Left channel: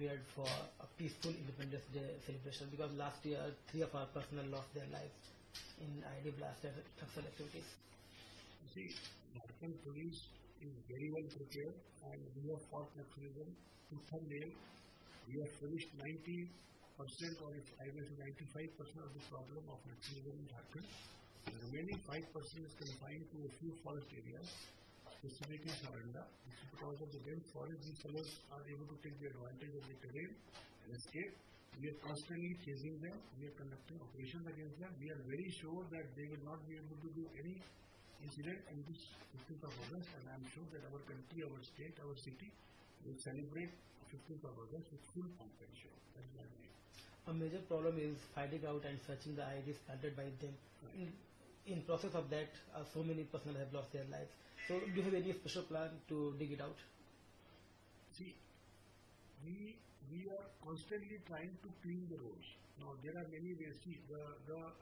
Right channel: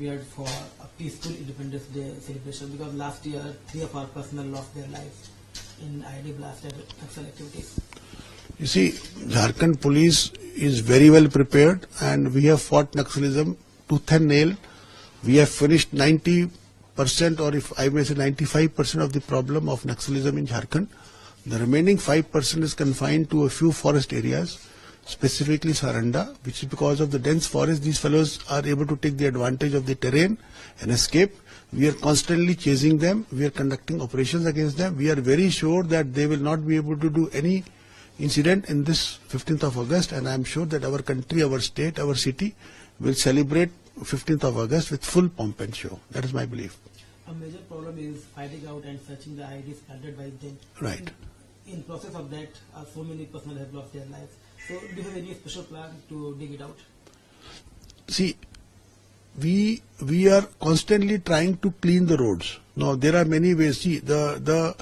prepared for a peaceful Independence Day celebration, because last year 3 of our personnel lost their lives in IED blast and Naxal activities. You see, Jharkhand Police is very well prepared, and we have fought Naxalism tooth and nail. We have finished 90%, or if I may say 95% of the problem of Naxalism in Jharkhand. The remaining 5% is confined to a few forest areas, specifically Saranda, which is because of the dense forest, these fellows are able to take the advantage of the terrain and escape. We are constantly chasing them. We are conducting operations against them. We are very sure that they will not be able to do any incident in this 15th of August, and I am sure that our country, our state, our city will celebrate 15th of August with full pomp and show. That is my belief. A major problem is finding out and searching the IEDs planted by them. Right. In process of that, so many personnel have lost their lives. So do you have any special plan to dig it out? See, we are constantly trying to clean the roads. Now there are many ways. See, the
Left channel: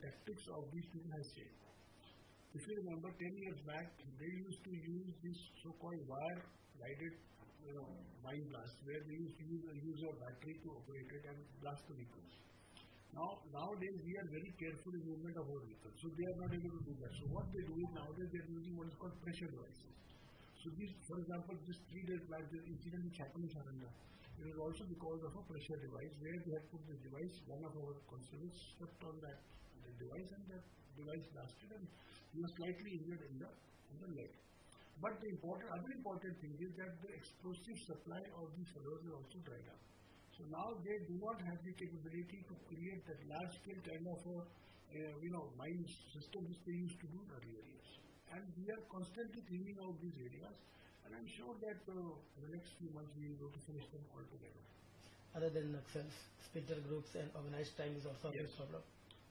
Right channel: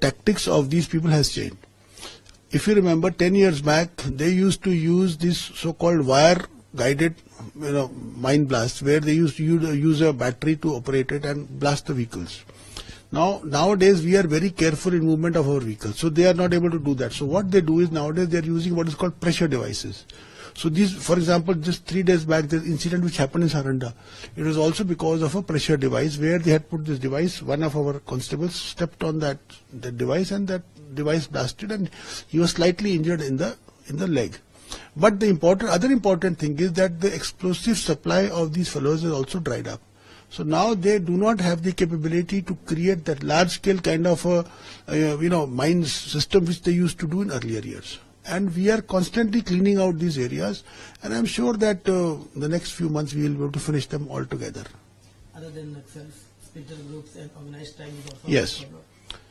tactics of these people has changed. If you remember, 10 years back, they used to use this so-called wire-guided, mine blast, where they used to use a battery to operate it and blast the vehicles. Nowadays, we are very careful in movement of our vehicles, so they are not able to do that. So what they do is nowadays they are using what is called pressure devices. So these, for example, just 3 days back, the incident which happened in Saranda, it was also because of a pressure device where they had put this device. One of our constables stepped on that device, and that device blasted, and he was slightly injured in the leg. But the other important thing is that the explosive supply of these fellows is also dried up. So now they do not have the capability to create that large-scale kind of mine system which they used to do in earlier years. And we are constantly cleaning out these areas, and I'm sure that the next few months we will be able to finish them all together. Other than Naxals, splinter groups and organized crime is also yes. a problem.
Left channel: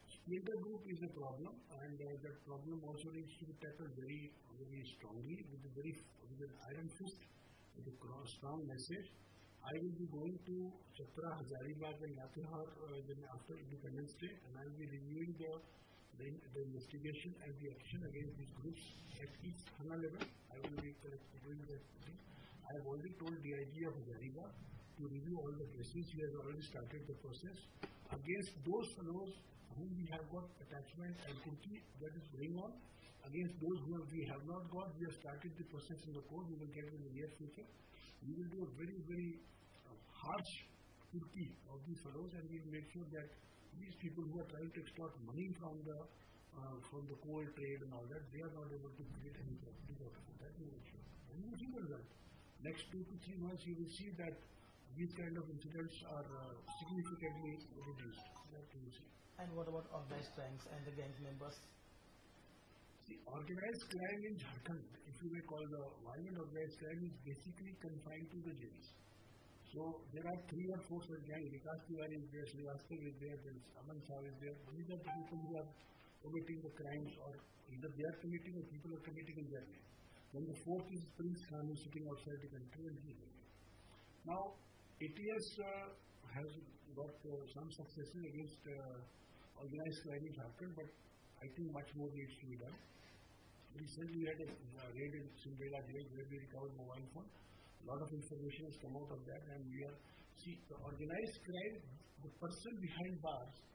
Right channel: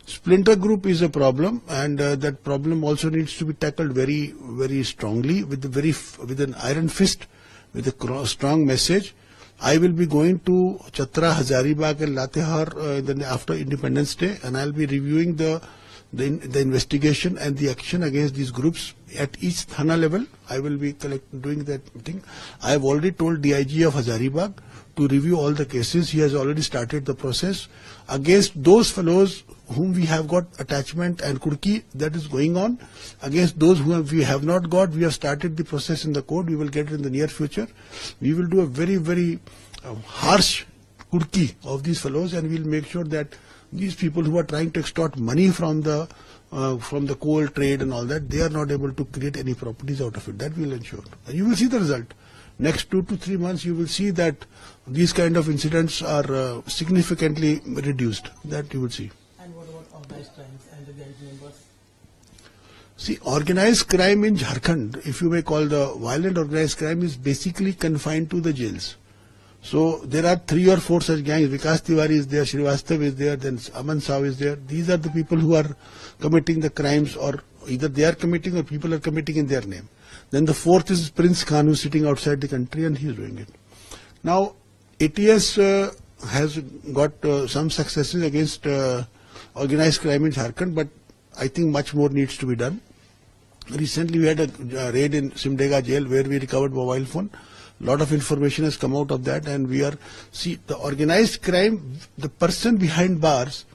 Splinter group is a problem, and that problem also needs to be tackled very, very strongly with an iron fist, with a strong message. I will be going to Chatra, Hazaribagh and Latehar after Independence Day, and I'll be reviewing the investigation and the action against these groups at each Thana level. I will be doing that thing. I have already told DIG of Hazaribagh to review all the cases. He has already started the process against those fellows whom we have got attachment and kurki, that is going on. Against those we have not got, we have started the process in the court. We will get it in the near future. We will do a very, very harsh kurki of these fellows, and we will make sure that these people who are trying to extort money from the coal trade and all that, they are not able to create any properties out of it. That we will ensure. And you will see the result. Next 2 to 3 months, you will see that these kind of incidents are significantly reduced. That you will see. And what about organized crimes and the gang members? See, organized crime in Jharkhand, if you may call the violent organized crime, is basically confined to the jails. So there are 3 or 4 such gangs. Vikas Tiwari is there, Srivastav is there, then Aman Saw is there. These are the people who are committing the crimes, or either they are committing or people are committing in their name. Then the 4th is Prince Khan, who is sitting outside the country, and he is doing it. Now, ATS has got some successes against organized crime in Jharkhand, but I think much more needs to be done. Recently, we had a raid in Simdega jail where we recovered mobile phone. A lot of information has come out of that, and we are, see, the organized crime, the person behind bars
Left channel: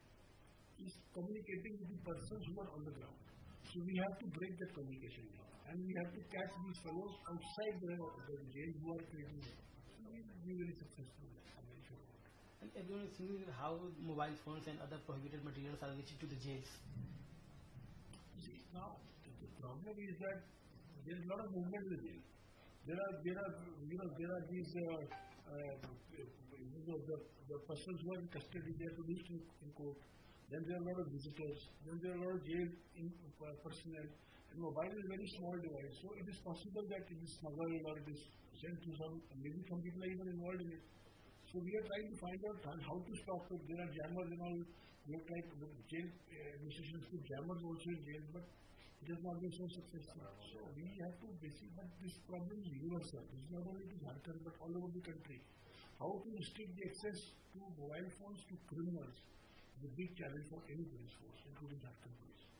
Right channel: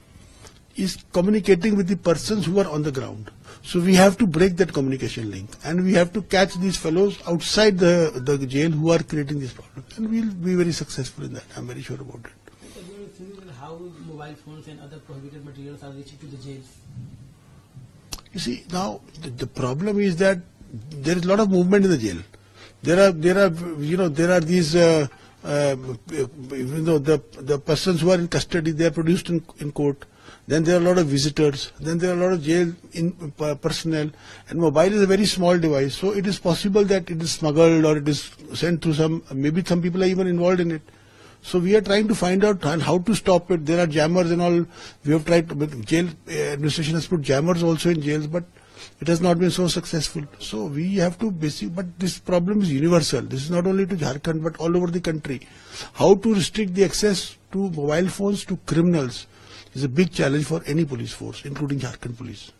is communicating with the persons who are on the ground. So we have to break that communication link, and we have to catch these fellows outside the jail who are creating these problems, and we will be very successful in that. I'm very sure about it. How mobile phones and other prohibited materials are reaching to the jails? You see, now the problem is that there is a lot of movement in the jail. There are these the persons who are in custody, they are produced in court. Then there are a lot of visitors. Then there are a lot of jail personnel. And mobile is a very small device, so it is possible that it is smuggled or it is sent through maybe some people are even involved in it. So we are trying to find out how to stop it. There are jammers and all. We have tried to, but jail administration has put jammers also in jails, but it has not been so successful. So we have to but this problem is universal. This is not only to Jharkhand, but all over the country. How to restrict the access to mobile phones to criminals is a big challenge for any police force, including Jharkhand Police.